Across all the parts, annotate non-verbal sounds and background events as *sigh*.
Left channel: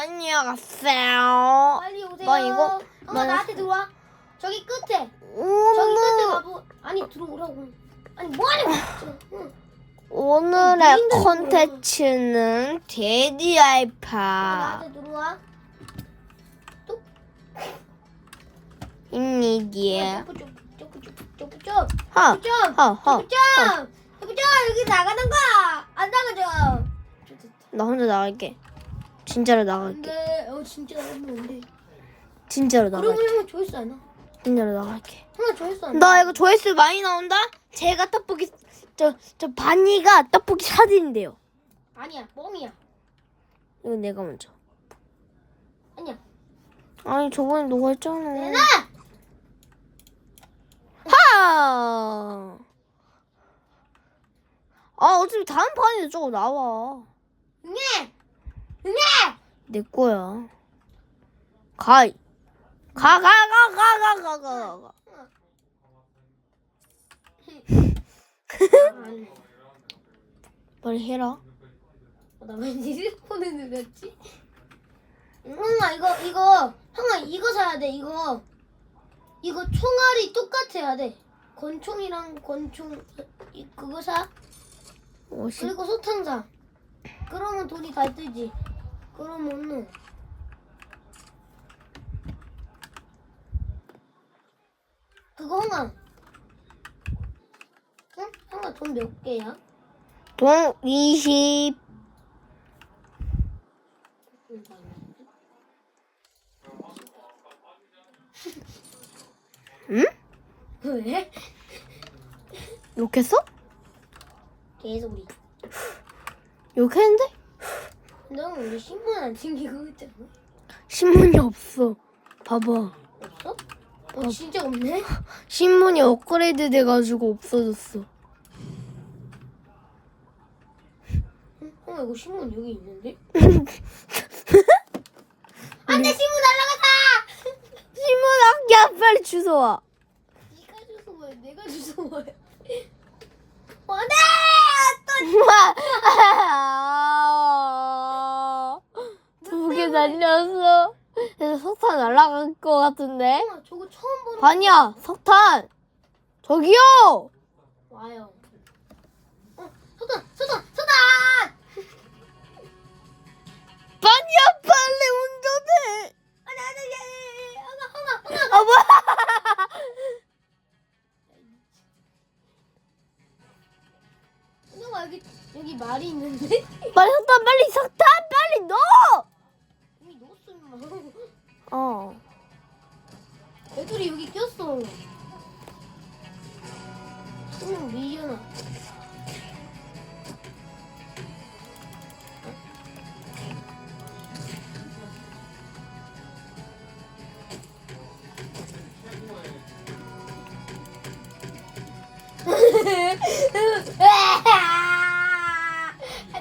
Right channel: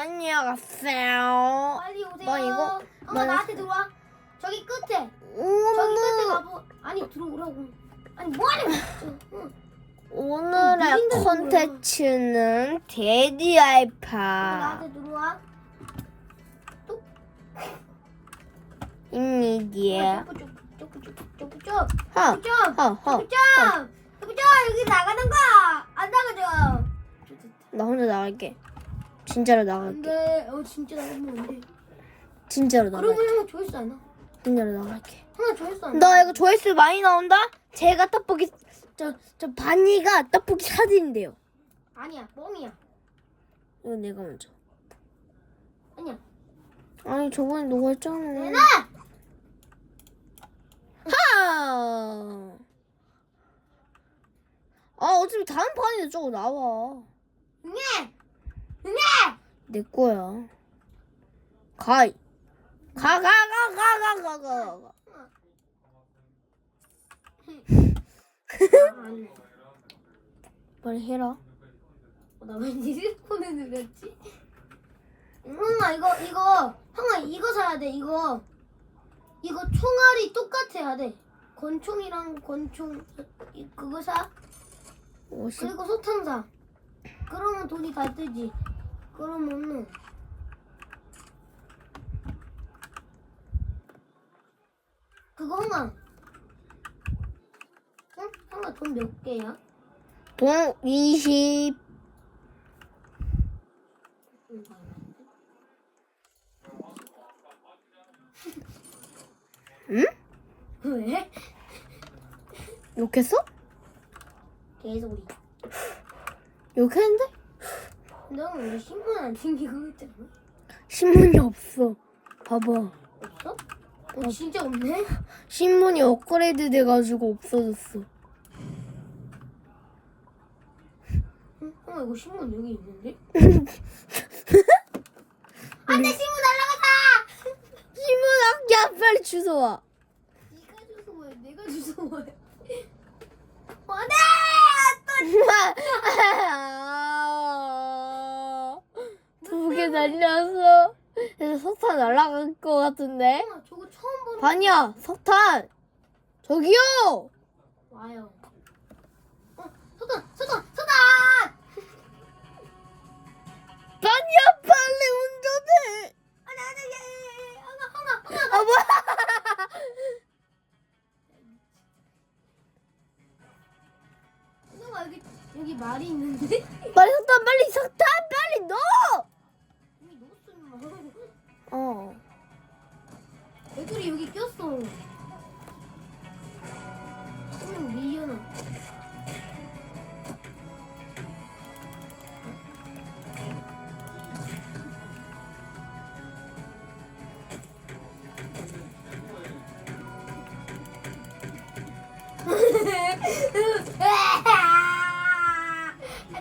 안녕하세요. 빨리 오세요. 뭐 이거? 엄마 뭐 나한테 들어와. 저기 끝에. 저기 끝에 오늘 가보. 아니 들어오라고. 아니 뭐하냐고. 응. 오늘의 무슨 콘텐츠는 데디 알파 나한테 들어와. 입니다. 허, 쭉. 허, 허. 쭉. 쭉. 여기 나가는 거야. 안 나가죠. 나 혼자 나갈게. 진짜로 나갈게. 근데 어 진짜 나가면 안 돼. 진짜로 나갈게. 그러면 조회수 안 나. 진짜로 나갈게. 형아 조회수 안 나. 나 이거 조회수 많이 나온다? 제가 떡볶이 저 저 바니가 떡볶이 사진인데요. 아니야 뻥이야. 이거 내가 먼저. 아니야. 아니 저번에 너가 했잖아. 내놔. 하. 아 어차피 다음 판에도 저거 나와. 응애. 내 거야. 가. 가, 가, 가, 가, 가, 가, 가, 가. *laughs* 빨리 해라. 나왜 휴대폰을 눌렀지? 형아 이거 이거 형아 이거 사야 돼 이거 이거 총알이 똑같아야 돼 권총이랑 권총 이- 그거 사 50. 그리고 소탄 사 그러면 돈이 다 뜨지 그러면은 그거 형아 응? 형아 돈몇 개야? 돈 20. *laughs* 응? 왜? 욕했어? 개소리 욕했는데? 너왜 신문 안 챙기고 있잖아 신문이 없어. 봐봐. 없어? 어 진짜 없네? 신문이 업그레이드 돼가지고 없어졌어. 응? 어 이거 신문 여기 있는데? 음. *laughs* 안돼 신문 날라갔다! 신문 아끼야 빨리 주워와. 네가 주소 뭐야 내가 주소 뭐야 *laughs* 안돼! 두개 날렸어. 그래서 석탄 날라갈 것 같은데? 또 저거 처음 보는 반이야, 석탄! 저기요! 와요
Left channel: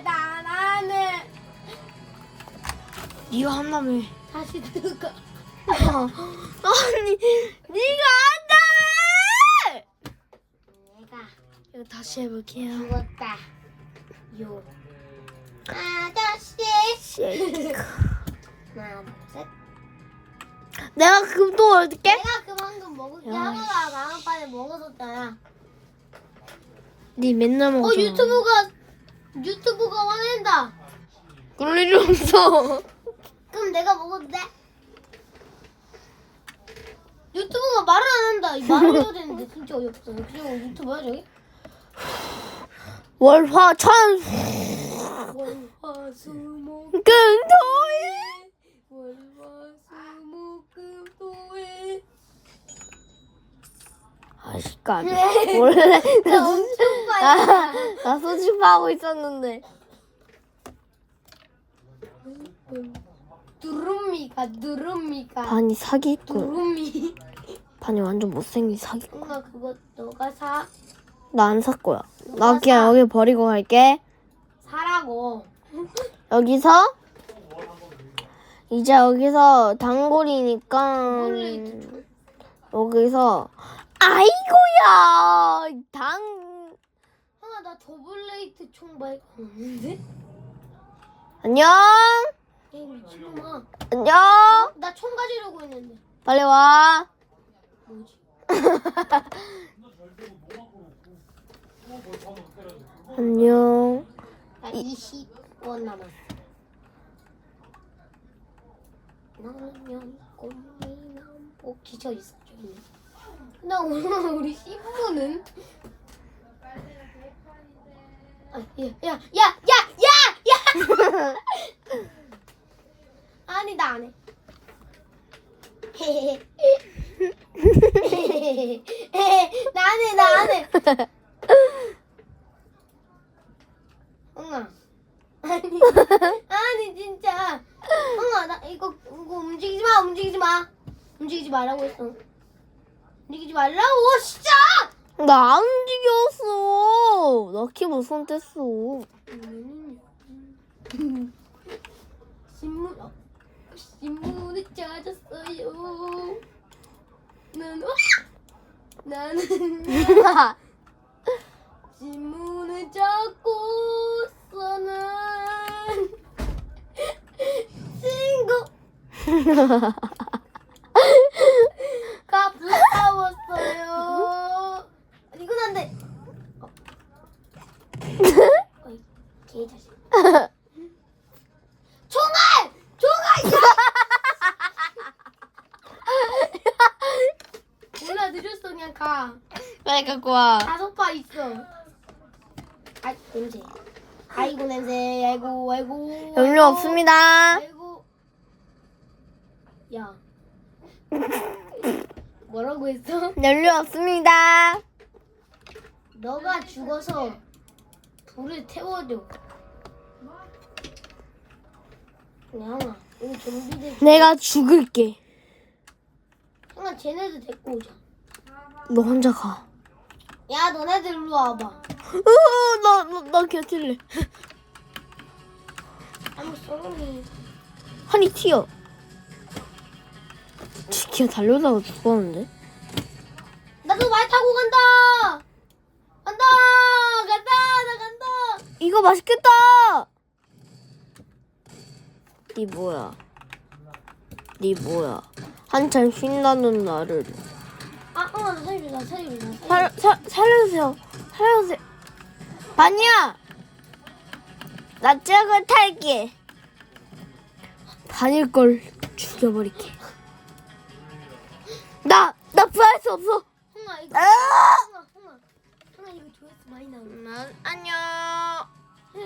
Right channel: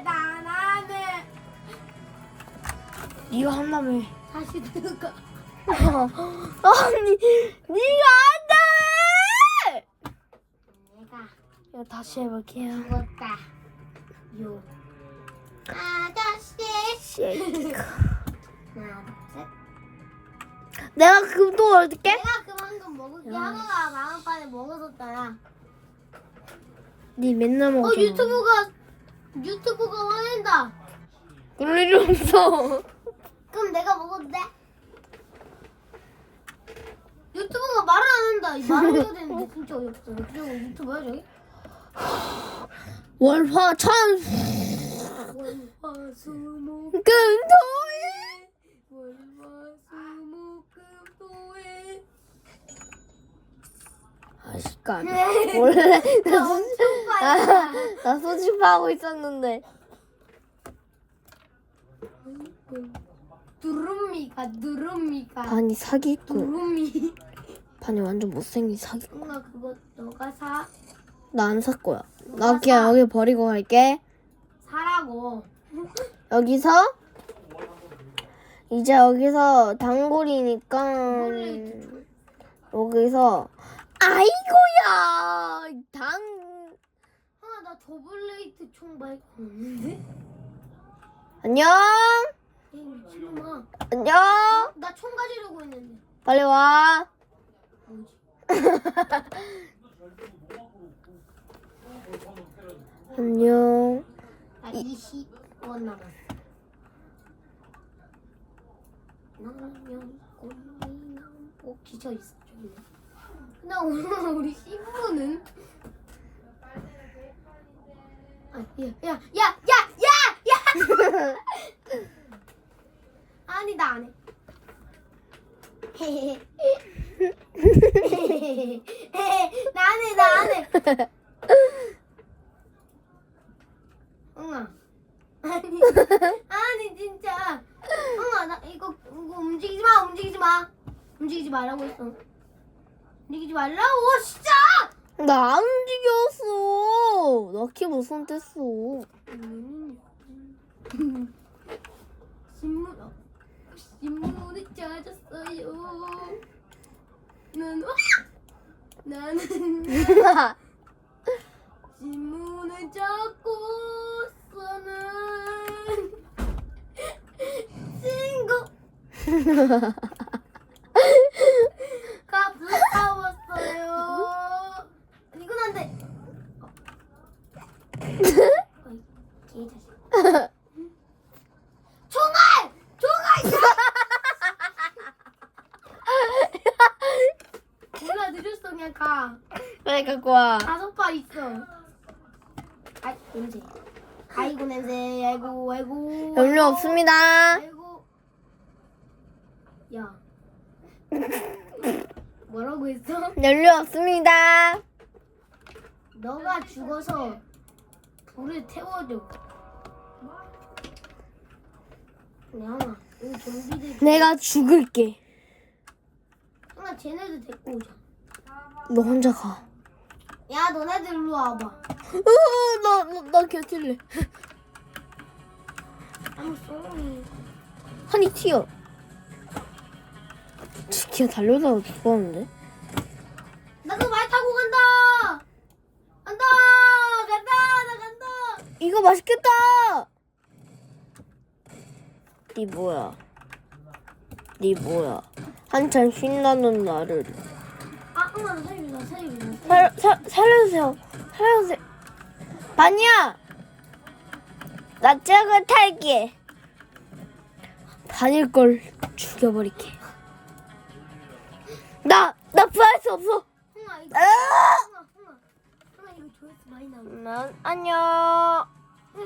나나는 니가 한다며. 다시 들어가. *laughs* 아니, 니가 한다며! 내가 이거 다시 해볼게요. 죽었다. 요. 아저씨. 하나, 둘, *laughs* 셋. 내가 금도 얻을게? 내가 그만큼 먹을게. 야, 하루가 다음 판에 먹어줬잖아. 니 맨날 어 먹었잖아. 유튜브가 유튜브가 화낸다. 그럴 일 없어. 그럼 내가 먹어도 돼? 유튜브가 말을 안 한다. 이 말을 해야 되는데 진짜 어이없어. 그리고 유튜브야 저기? 월화 천 월화수목 금토일 월화수목금토일 아시간 원래 *laughs* *laughs* 나, 나, 소집하고 있었는데. 두루미가 두루미가. 반이 사기꾼. 두루미. 반이 완전 못생긴 사기꾼. 뭔가 그거 너가 사. 나 안 살 거야. 나 그냥 여기 버리고 갈게. 사라고. 여기서? 이제 여기서 단골이니까 여기서 아이고야! 당나 더블레이트 총 말고 없는데? 안녕 이 미친놈아. 안녕. 나 총 가지려고 했는데. 빨리 와. *laughs* 안녕. 나 20원 남았어. 나는 꽃미남 꼭 지쳐 있어. 나 오늘 우리 10분은 아, 야, 야, 야, 야, 야, 야! 아니 나 안 해. 나 안 해, 나 안 해. 응아. 아니, 아니 진짜. 응아, 나 이거, 이거 움직이지 마, 움직이지 마. 움직이지 말라고 했어. 움직이지 말라고, 진짜. 나 안 움직였어. 나 키보드 손 뗐어. 음. 신문, 어, 신문을 찾았어요. 나는, 어? 나는 신문을 찾고 서는 친구 *laughs* 가 무서웠어요. 이건 안 돼. 어이, 개자식. 총알! 총알! 누나 늦었어 그냥 가. 빨리 갖고 와. 다섯 파 있어. 아 냄새. 아이고 냄새. 아이고 아이고. 연료 없습니다. 아이고. 야. 뭐라고 했어? 연료 없습니다. 너가 죽어서 불을 태워줘. 그냥 우리 좀비들. 내가 죽을게. 형아 쟤네들 데리고 오자. 너 혼자 가. 야 너네들 일로 와봐. 으, 나, 나, 나 곁을래. I'm sorry. 한이 튀어. 기어 달려다가 죽었는데? 나도 말 타고 간다. 간다. 간다. 나 간다. 이거 맛있겠다! 니 뭐야? 니 뭐야? 한참 신나는 나를. 살려, 살려. 살, 살, 살려주세요. 살려주세요. 반이야! 나 저거 탈게. 반일 걸 죽여버릴게. 나, 나 부활할 수 없어. 이거. 아! 흥아, 흥아. 흥아, 이거 조회수 많이 나오네. 난 안녕.